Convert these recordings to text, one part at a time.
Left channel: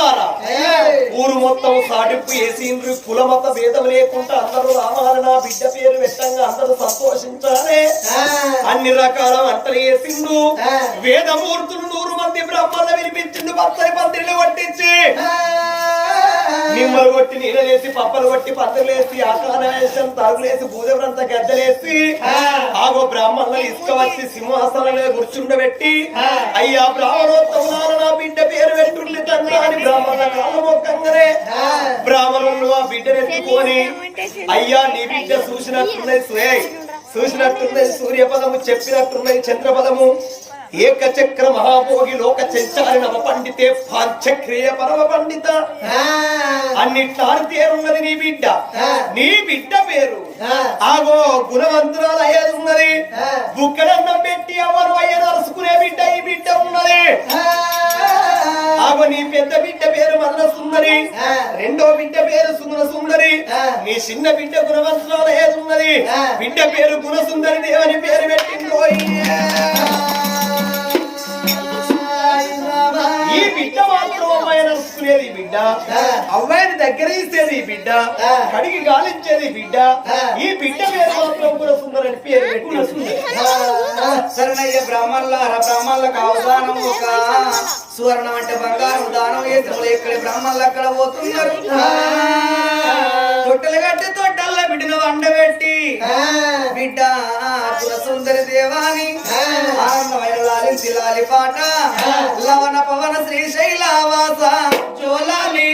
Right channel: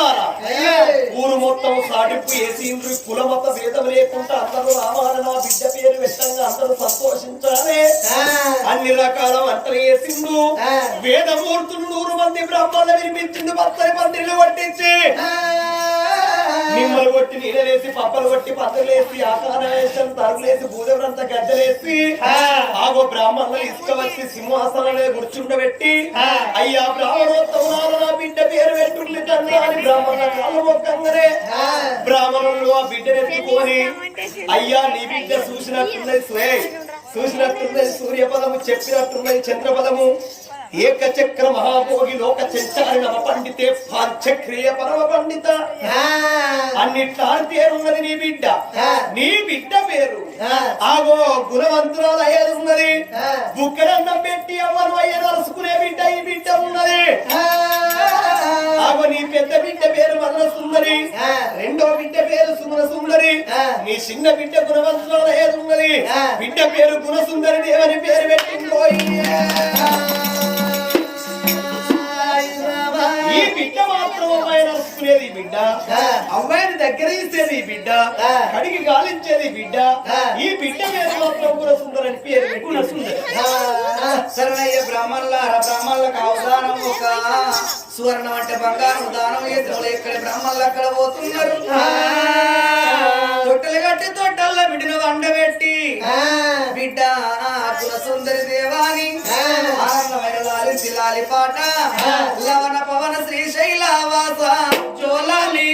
బ్రాహ్మణులారా ఊరు మొత్తం సాటింపు వేసిండ్రు కులమత భేదం లేకుండా అందరూ రామాయణ బిడ్డ పేరు పెట్టంగా అందరూ సంతోషించాలి అన్ని రకాల వంటలు వేసిండు వేదమూర్తులు నూరు మంది బ్రాహ్మణులు వినిపించిండు పచ్చని పందిళ్ళు పట్టించి నిమ్మలు కొట్టి నీళ్ళేసి పప్పలు కొట్టి పందులేసి ఆకారం తరుగులేసి భూజవరంతా గద్దలేసి ఆగో బ్రాహ్మణులు ఇసుక వచ్చి సింహాసనంలో కూర్చుండబెట్టి అయ్యా బ్రాహ్మణోత్తములారా నా బిడ్డ పేరు పెట్టుండి తండ్రి అని బ్రాహ్మణుల కాళ్ళు మొక్కంగానే బ్రాహ్మణులు ఆ బిడ్డనెత్తుకొని అయ్యా నీ బిడ్డ చూసినట్టున్నది చూసినట్టున్నది సూర్యపదము చెప్పినట్టున్నది చంద్రపదము ఏకచక్ర మహాభోగి లోక చెంచాలి నవ పండితే పాంచక్రియ పరమ పండిత. అన్నిట్లాని పేరున్నది నీ బిడ్డ. నీ బిడ్డ పేరు. ఆగో గుణవంతురాలు అయ్యేది ఉన్నది బుక్కడన్నం పెట్టి ఎవరు అయ్యే నలుసుకునే బిడ్డ ఈ బిడ్డ ఉన్నది. ఆగో నీ పెద్ద బిడ్డ పేరు మల్ల సుందరి. రెండో బిడ్డ పేరు సుమన సుందరి. నీ చిన్న బిడ్డ గుణవంతురాలు అయ్యేది ఉన్నది బిడ్డ పేరు గుణసుందరి దేవని పేరు పెట్టిందో మాత్రం అమ్మాయి నడుచుకునేది ఈ బిడ్డ. అమ్మాయిని దగ్గరేసేది బిడ్డ. కడిగి గాలించేది బిడ్డ. ఈ బిడ్డ పేరు మాత్రం గుణసుందరని పేరు పెట్టుకున్నది శరణయ్య బ్రాహ్మణులారా బ్రాహ్మణులకు అవధానం ఒక సువర్ణం అంటే బంగారం దానం చేసిన ఎక్కడ బ్రాహ్మణులు అక్కడ పోతున్నారు. తొట్టెలు కట్టి తొట్టల్ల బిడ్డను వండబెట్టి బిడ్డ సుందరి దేవాని. ఆనందమైన లాలి పాట లవణ పవన శ్రీశైల వాస జోలాలి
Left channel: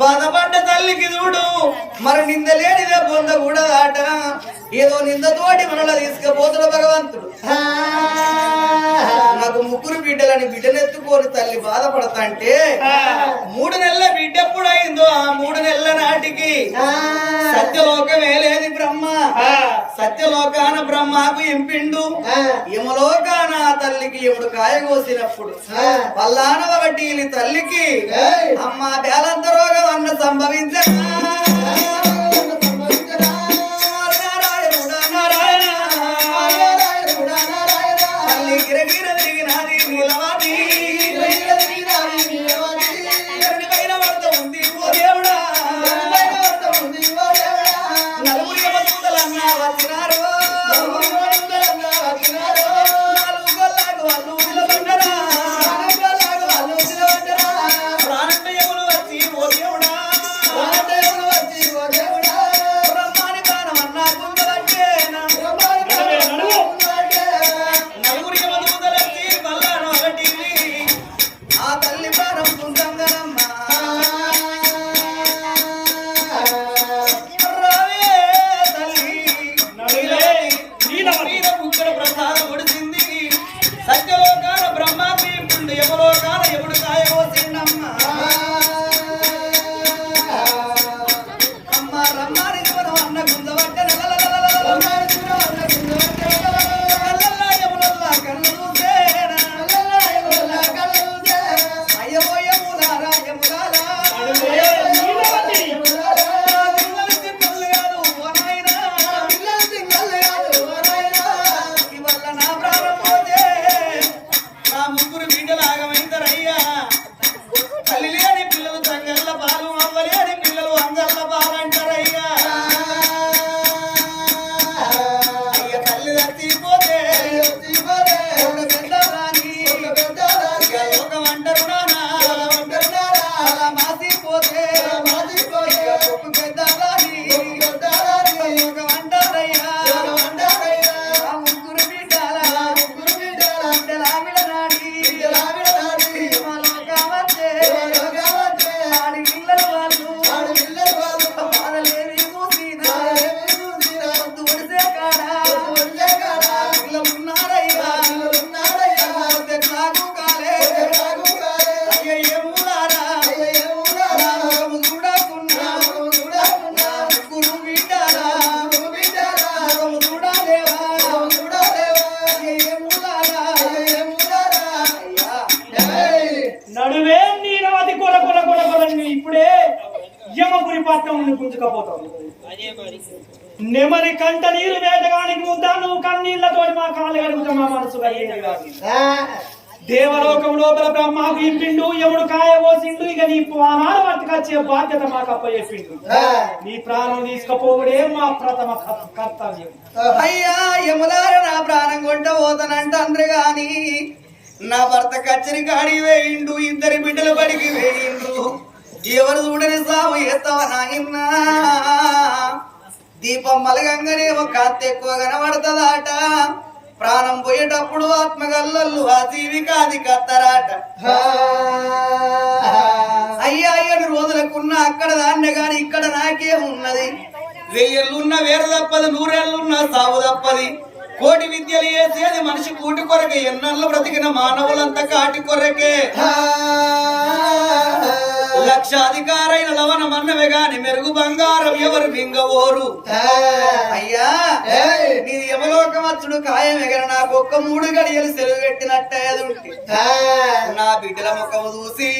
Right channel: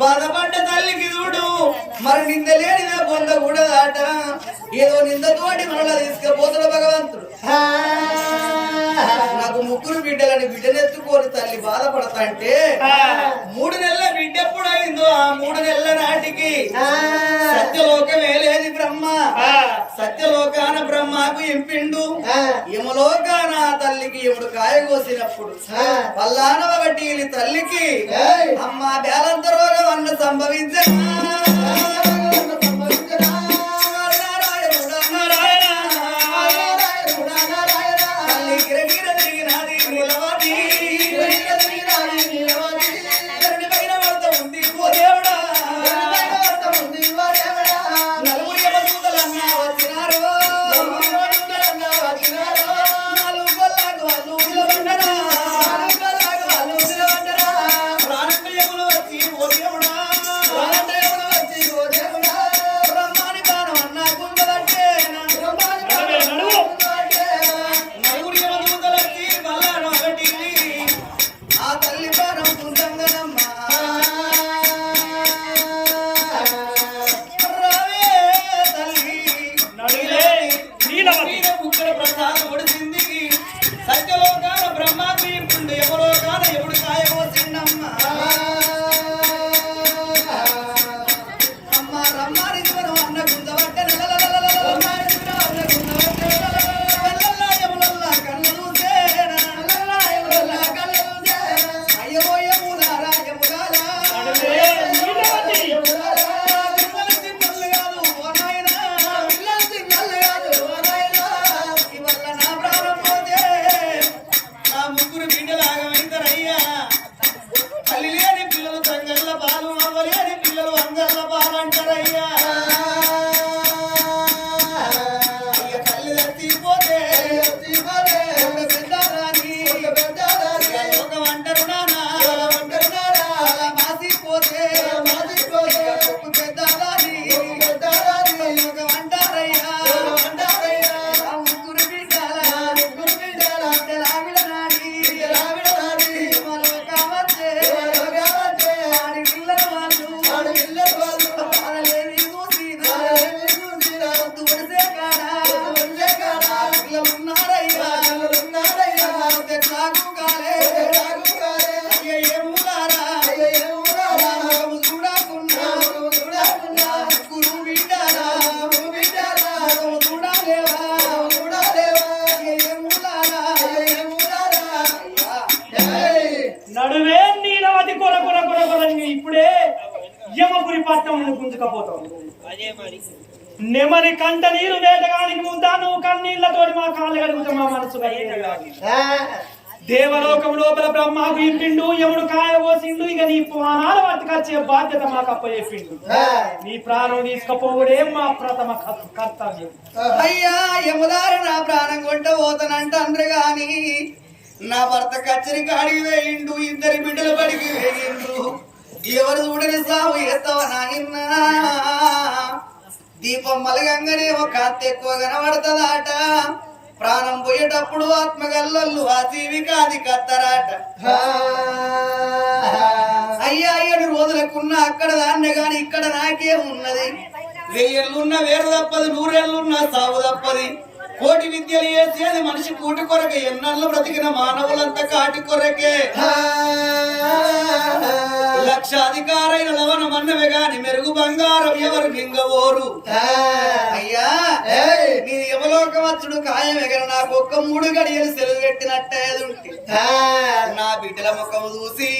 బాధపడ్డ తల్లికి చూడు మరి నింద లేనిదే పొంద కూడా ఆట. ఏదో నిందతోటి మనలో తీసుకుపోతున్న భగవంతుడు. నాకు ముగ్గురు బిడ్డలని బిడ్డనెత్తుకొని తల్లి బాధపడతాంటే మూడు నెలల బిడ్డ ఎప్పుడు అయిందో ఆ మూడు నెలల నాటికి సత్యలోకమే లేని బ్రహ్మ. సత్యలోకాన బ్రహ్మకు ఎంపిండు. యమలోకాన తల్లికి ఎముడు కాయ కోసినప్పుడు. పల్లానవ వడ్డీని తల్లికి అమ్మ బేలంత రోగం అన్న సంభవించనా గుంజుకపోతావు నెమరి కంట నీరు వేటగానికి ముందా నువ్వు కన్నీళ్ళతోటి మా కాళ్ళు కడుగుతా మా మనసు. దేవలోకం లోపల బ్రహ్మాకు ఇప్పిండు యముడు కాయ పోసిండు ఇక నీ ప్రాణాలు పట్టుకొచ్చే బాధ్యత మాకు అప్పచెప్పిండు. నీ ప్రాణం తీసుకపోవడే మా ప్రథమ కర్- కర్తవ్యం. అయ్యా యములార నా ప్రాణం కొంట పోతానంట అందరు గాని నా భర్త కచ్చరి కాడి వేయిండు ఇద్దరి బిడ్డలు బడికి వేయిండు. ఎవరు చూడని సాగు ఎత్తవ నాయన్నా దీపం మలగంగానే ఒక అత్త ఎక్కువ కనబడుతుందాట. ప్రాణం పోయేటప్పుడు ఆత్మగల్లలు ఆ జీవికాది కత్తరాట. అయ్యా ఏడు రోజులకున్న అక్కడ దాన్నే గాని ఇక్కడ నాకే ఉన్నది. వెయ్యేళ్ళున్న వేరు తప్పది నూరేళ్ళున్న సాగు తప్పది. కోటి విద్యలు వేసేది మనిషి కూటి కొరకే ఎన్నళ్ళు బ్రతికిన మానవులంతా కాటి కొరకే. లక్షాధికారైన లవణ మన్నవే గాని మెరుగు బంగారం ఎవరు మింగవోరు? అయ్యా నీ యమలోకమచ్చుడు ఖాయం ఎగర నాకు ఒక్క మూడు గడియలు సెలవు పెట్టినట్టేదుంటే నా బిడ్డల ముఖం చూసి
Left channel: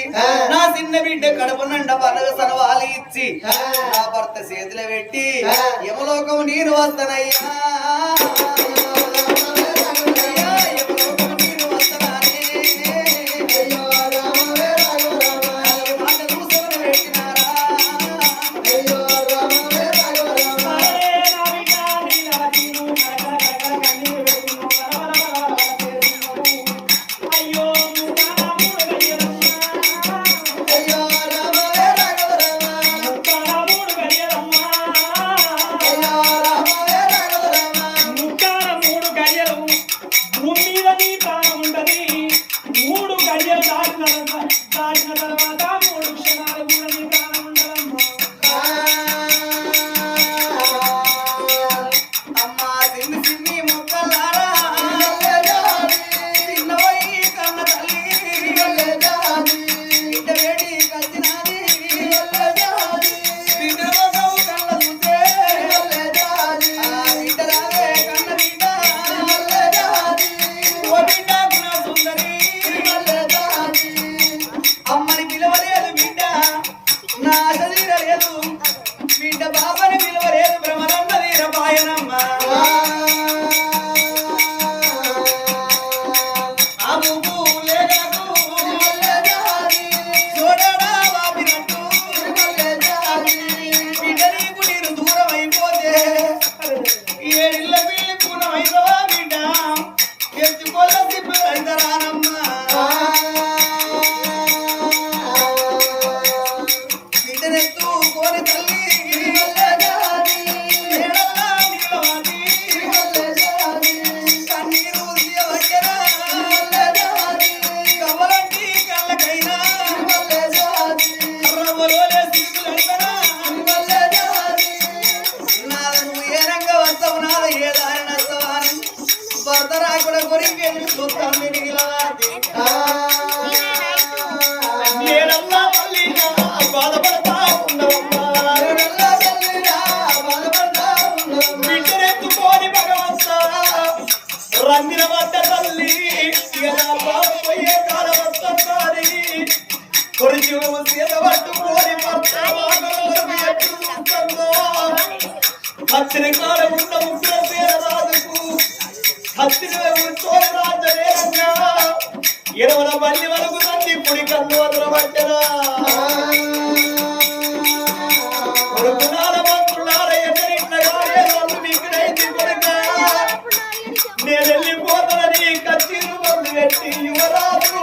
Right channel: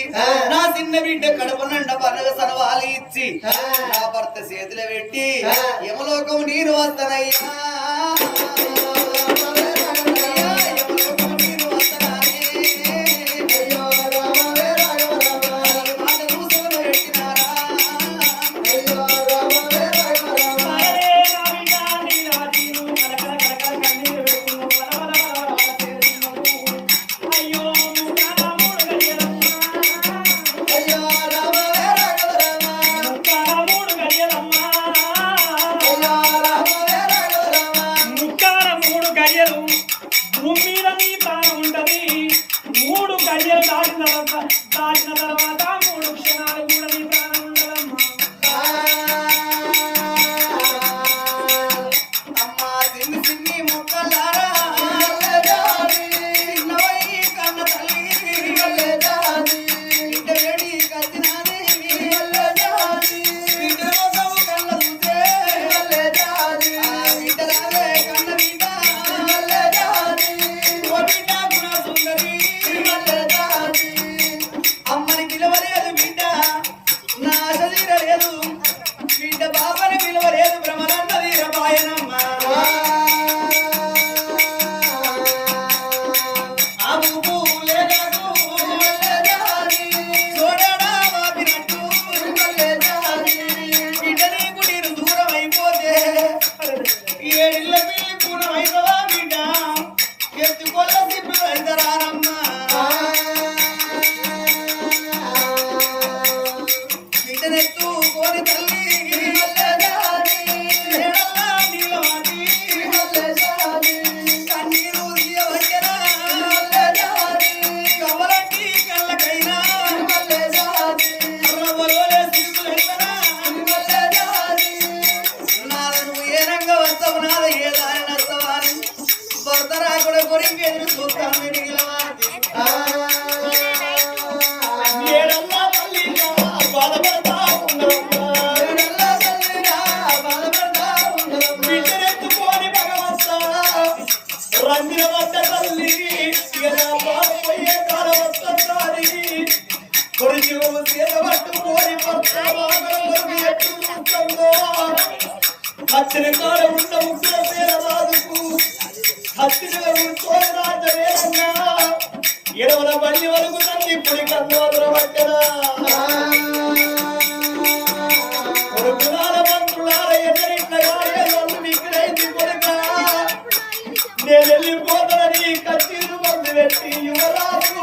నా చిన్న బిడ్డ కడుపు నిండ పనగ సనవాలి ఇచ్చి నా భర్త చేతిలో పెట్టి యమలోకం నేను వస్తానయ్యా బిడ్డ బాబని విలువ లేదు వీరపాయనమ్మ అబుబు కొరికి ఎదురు చూస్తాను మిగిలవాది బాధపడతా భగవంతా, రందిన వద్ద తల్లి ఎలా బాధపోయే కాలం వస్తుందని కొరిచి సీత పట్టుకోని భర్త వాకల కొరకు ఎప్పుడు చూస్తుందో? హత్తిన ఎడవల బండి వరకు తండ్రి పుడి కన్ను వదల పట్టనా? నేను వెళ్ళిపోతానని కత్తిలు మందు పెట్టి యువరాజు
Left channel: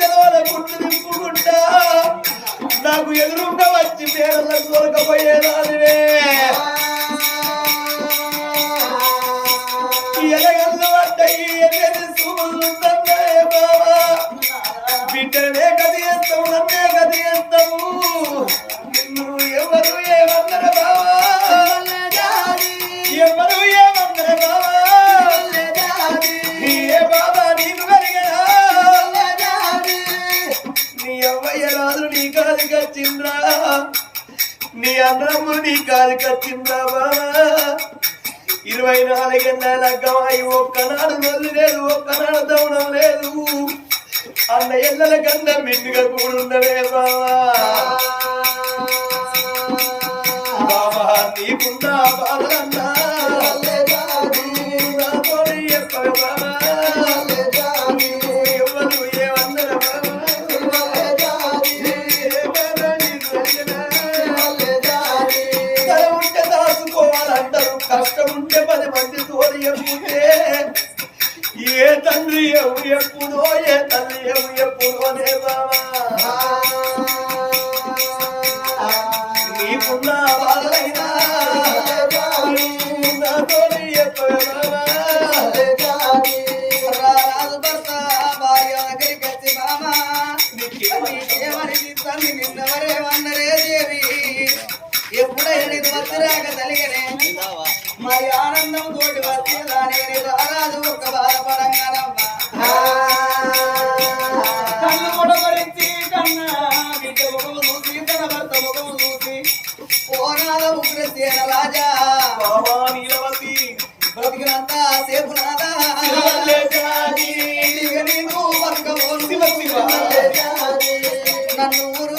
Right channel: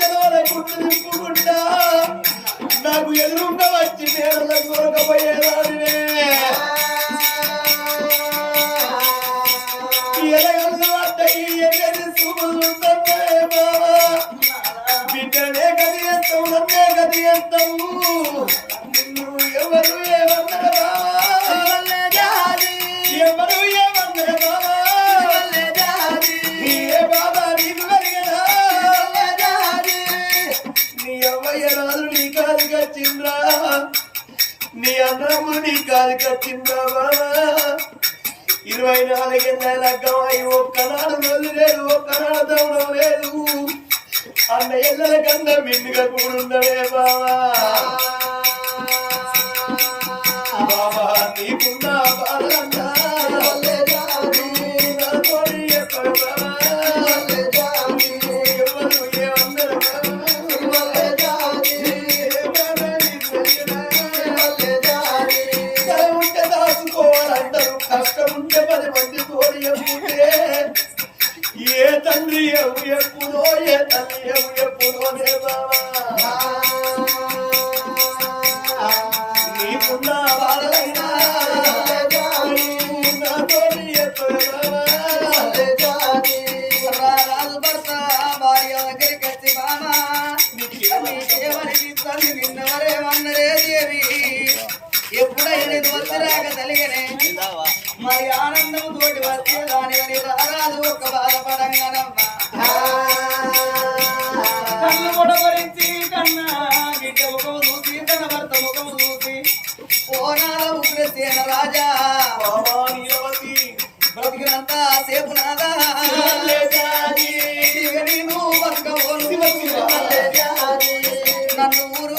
జనవల నాకు ఎదురుగా వచ్చి పేరలకు దొరకపోయేదా అన్నము నీ కాదు కచ్చింద్రా ఇరవై నాలుగేళ్ళ గవాయి ఒక్కనాడు నొల్లు లేదు ఒక్కనాడు దవడం లేదు. అన్న ఎల్లల కన్నా మిండుగా కూడున్నవే బావా. బాబా నీకున్నా బాధలన్నా ఏ తండ్రి ఎవు ఎప్పుడో ఏ తల్లి ఎవు దేవా?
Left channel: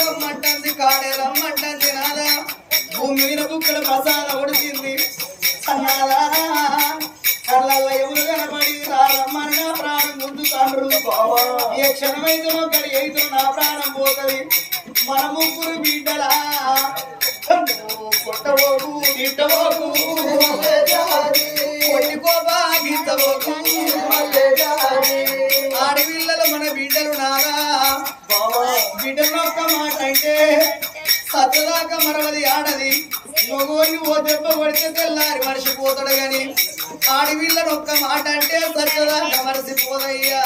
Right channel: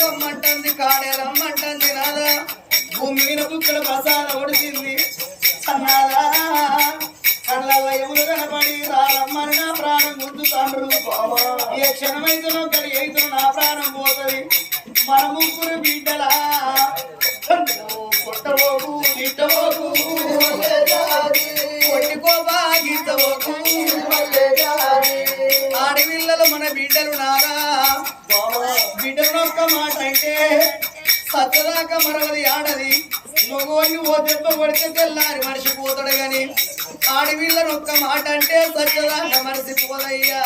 రమ్మంటుంది కాడే రమ్మంటుంది నాదా. భూమి మీద బుక్కల ప్రసాద ఒడిచింది అన్నాదా కళ్ళ ఎములు కనపడి రారమ్మని నా ప్రాణం గుంజుతాండ్రు. ఏ క్షణమైతునో గడి అయితునో నా ప్రాణం పోతుంది. మన ముగ్గురు బిడ్డలా. కొట్టబోకు తిట్టబోకు కొట్టికోబా ఆడపిల్లలు మన బిడ్డలు నారా. బిడ్డలు ఒక్క మాట అంటే సచ్చదాకా మరవది ఆడది. మగోళ్ళు ఓ దెబ్బ పడితే తెల్లారి మర్చిపోతాడు గాని ఆడపిల్లను ఒక్క మాట అంటే సచ్చదాకా మరసిపోదయ్యా.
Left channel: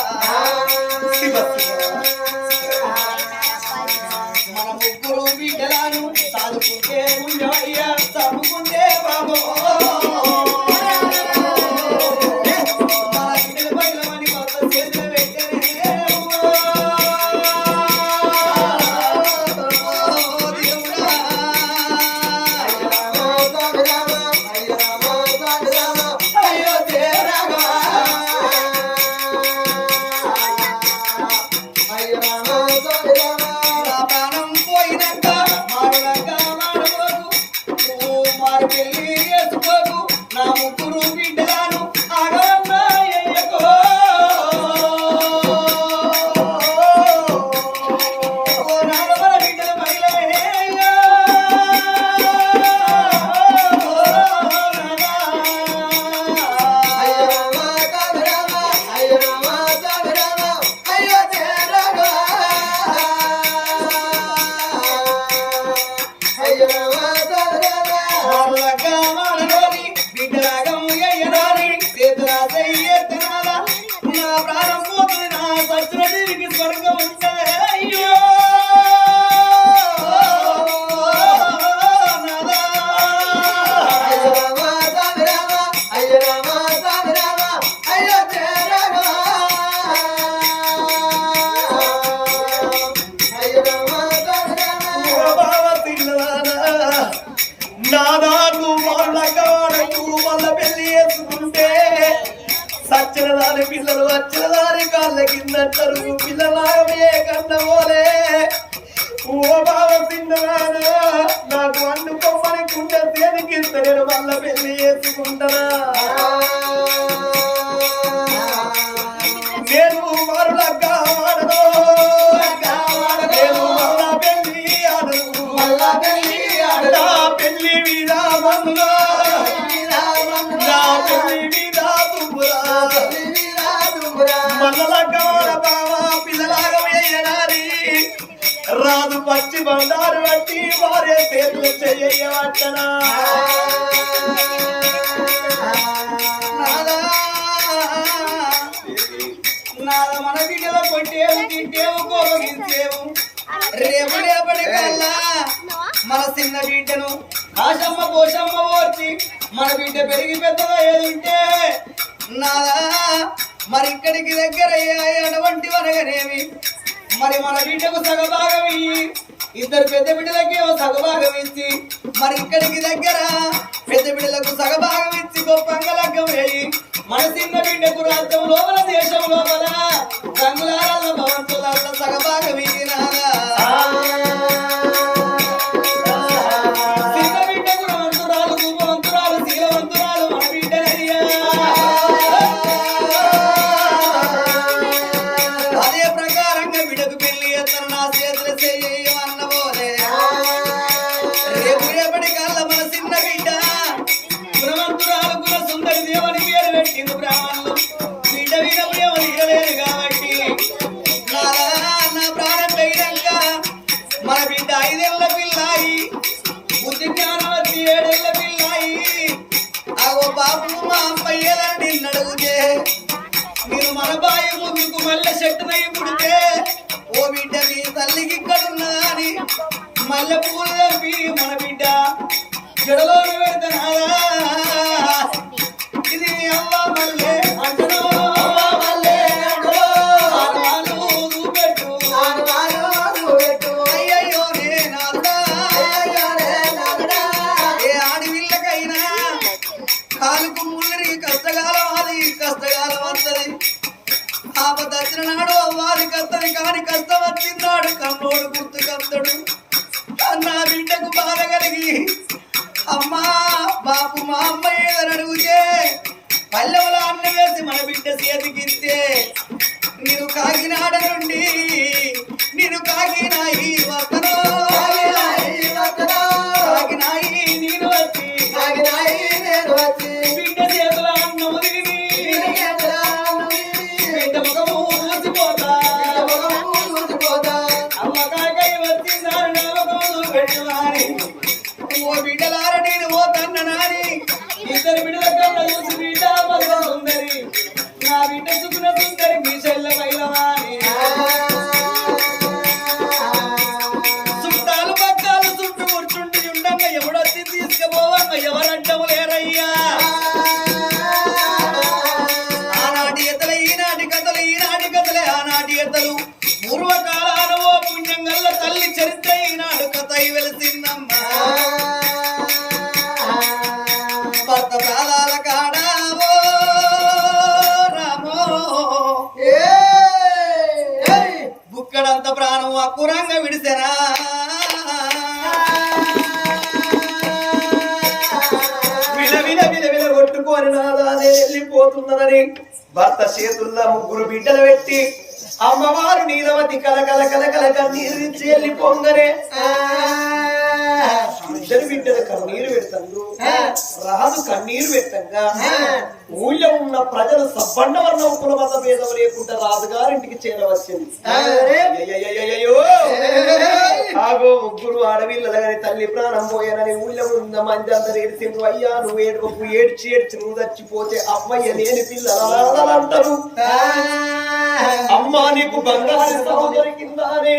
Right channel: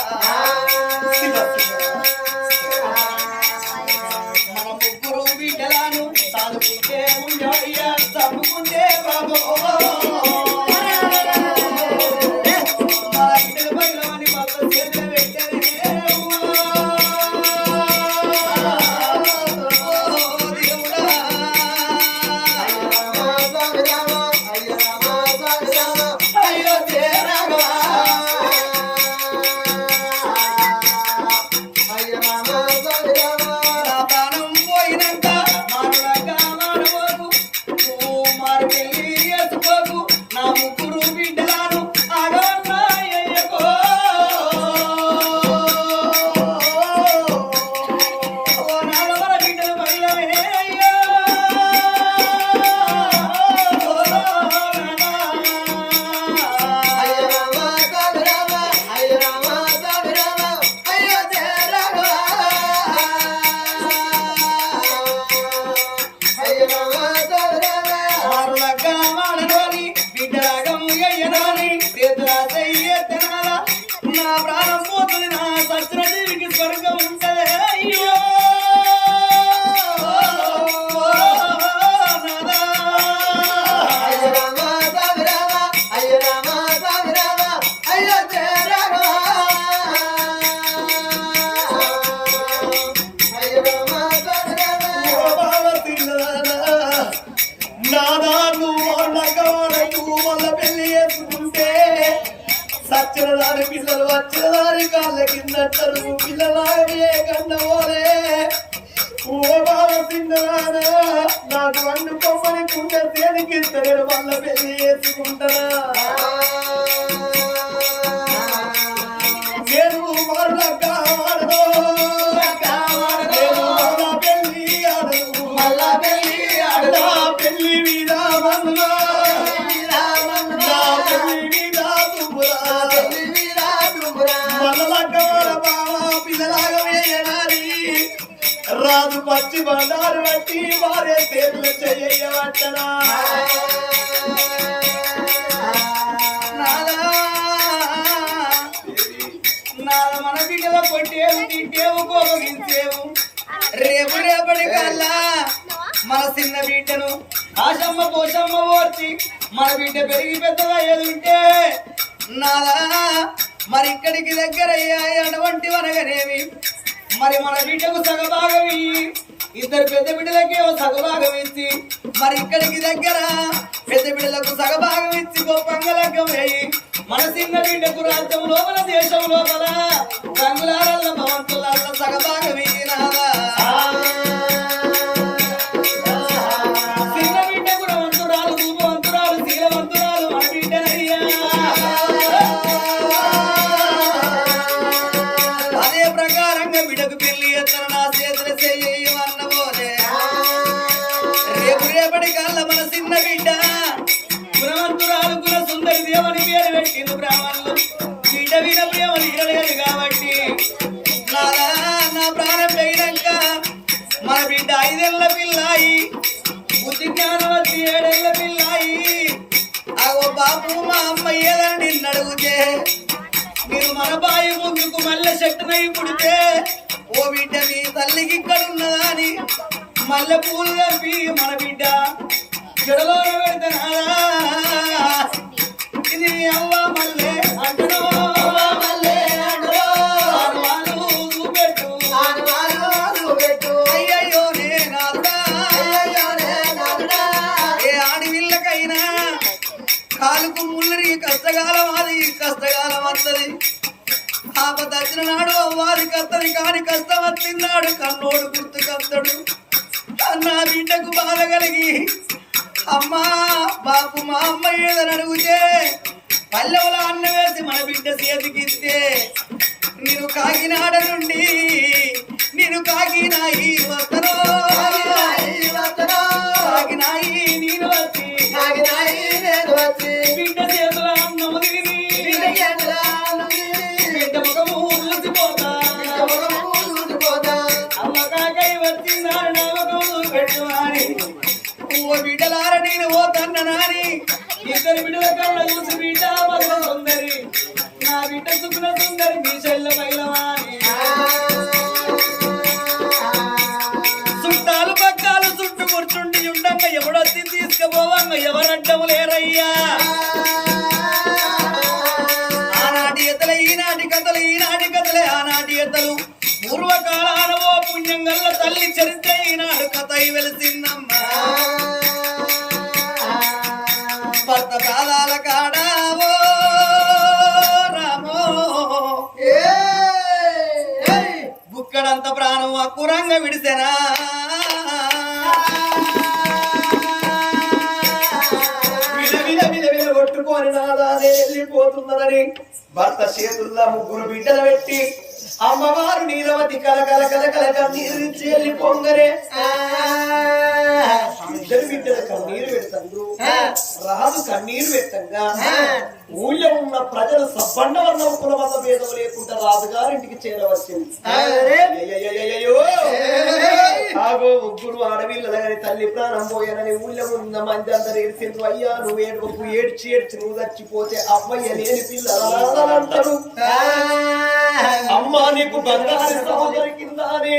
కిందంటారు పిల్లలాగే కన్నవోలే ఓ బావ తిన్నదానా నాకు అన్నుకోమని కుండ దేనికి ఇస్తాడు వాళ్ళ పెళ్ళి చేసుకుంటానా? రాదు పచ్చి బండారు బట్టి భార్య చేతులు చెయ్యవట్టనా నాద? మన బిడ్డలో కొట్టేవు తింటేవు కోపగించేవు రేపు రేపటి కల్లా మన చిన్న బిడ్డను ఆశమ్మ పోషమ్మ ఓర్చి మన బిడ్డ పెరిగి పెద్దగా ఏదుంటే? నాదా? మరి ఇక్కడికి దగ్గర అయ్యాయి అటువంటి మరి మన బిడ్డకు సగభాగం ఇయ్యి ఇద్దరు పెద్ద బిడ్డలకి ఓ సగభాగం ఇచ్చి మరి ఇక్కడికి దగ్గర పెద్ద బిడ్డలకు సగభాగం ఇచ్చి గొప్పంగా లగ్గం వేయి. మన చిన్న బిడ్డకు రాజ్యం లోపల దేశం లోపల. రంగులారల్ల భవంతుల సగభాగం ఇయ్యి బ్రాహ్మణులు బిడ్డ విన ప్రేమ తీరలేదు కాబట్టి నాదా నా ప్రాణం పోయినాక మన బిడ్డ ఐదేళ్ళ పిల్లాయి బుద్ధి జ్ఞానవతి ఏడేళ్ళ పిల్లాయి. అగో బాబు మా అమ్మ ఏదని నిన్ను అడుగుతే మీరు మన బాయి ముందుకు మల్లె చెట్టునై పుడితే ఓ బిడ్డ మీ తల్లికి ఇక్కడున్నా అని మల్లె పూలు తంపి మన బిడ్డ జడలో కాలుకు ముళ్ళరి కష్టకాలం అది కష్టకాలం వస్తుంది ఆపద నాడు అవ్వాలి కస్తది కాని కష్టం వచ్చినాడు కన్నోడు గుర్తు కత్తడు నా బిడ్డకు బాధ కలిగి అమ్మా బాపు మా అమ్మ ఏదని అడుగుతే పల్లెవల అన్న వేసి మన బిడ్డ చేతికిస్తే నేను కాకినాడ నుండి నేను కాకినాయి వస్తనో వచ్చిందారు నా ముఖము ఓ బిడ్డలార నేను ఓ తన్న నాని ఇద్దరు బిడ్డల కళ్ళ చూసి బిడ్డ మగ సుందరి. నా బిడ్డ సుకున సుందరి మీ చెల్ల మైలవాని చుట్టాలు పక్కాలు చుట్టూ కూర్చుండి ఉండంగా ఎవడొచ్చి తీసుకుపోవంగా ఎవరడ్డము లేరయ్యా. ఆనాటి ఎతలు ఈనాటి కథలు ఈనాటి కథలే ఆనాటి ఎతలు పూర్వకాలాన తల్లి చరిత్ర ఈనాడు కథ వెలిసిందమ్మా. భర్త పాదాల కాడావో రామో. బుక్కడంత ప్రాణం అక్కురంగా విడిసెనా? వెళ్ళిపోతున్నదని భర్త చేతుల్లో ముగ్గురు బిడ్డలు పెట్టి అమ్మవారు నీలవతి కల కల కల కల కన్నీరు ఇచ్చి వెళ్ళిపోంగనే ఇద్దరు బిడ్డలు కన్నీరు పెడతారు రాజు కన్నీరు పెట్టంగా. ఊళ్ళో ఉన్న ప్రజలు సబ్బండ వర్ణం కులమత భేదం లేకుండా రాజుగారింటికి చేరవచ్చింది. ఆగో ముగ్గురు ఆడవిల్లలు గాని తల్లి ప్రాణం పోయానని ఊళ్ళో ఉన్న మంది అందరు ఏడ్చిండ్రు. అయ్యా నువ్వు ఏడుపు ఏడ్చి ఏడ్చి నువ్వు చచ్చిపోతే అమ్మయ్య లేని పిల్లలు అంటారు అమ్మా నీకు బంగారు సాగు దొరికిందా అని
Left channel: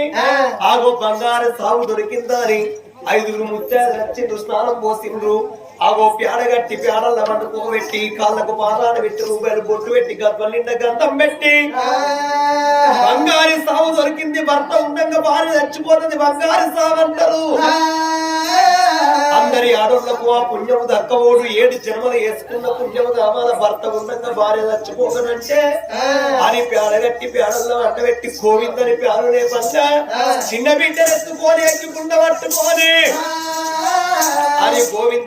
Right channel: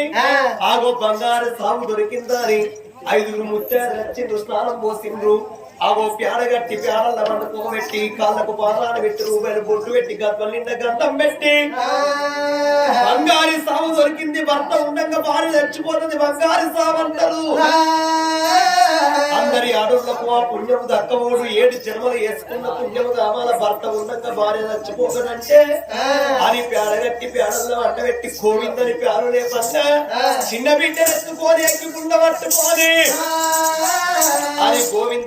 ఆగో బంగారు సాగు దొరికిందా అని ఐదుగురు ముత్యాలు వచ్చిండ్రు స్నానం పోసిండ్రు. ఆగో పేడ కట్టి పేడల వండుకోబెట్టి కాళ్ళకు పాదాలు పెట్టి రూపాయలు బొట్టు పెట్టి నిండా గంధం పెట్టి. బంగారు సాగు దొరికింది భర్త ఉండగా భార్య చచ్చిపోతుంది బంగారు సాగు అంటారు. అందరి ఆడోళ్ళకు ఆ పుణ్యము దక్కవోడు. ఏడు జన్మలు వేసుకున్న పుణ్యము కావాల భర్త ఉండగా భార్య చచ్చిపోకనంటే అని పేడగట్టి పేడల్లో అంటబెట్టి గోవిందని పేరు లేకుండా చిన్న బిడ్డ ఎత్తుకొని ఎక్కికుండా పట్టుకొని అని గోవింద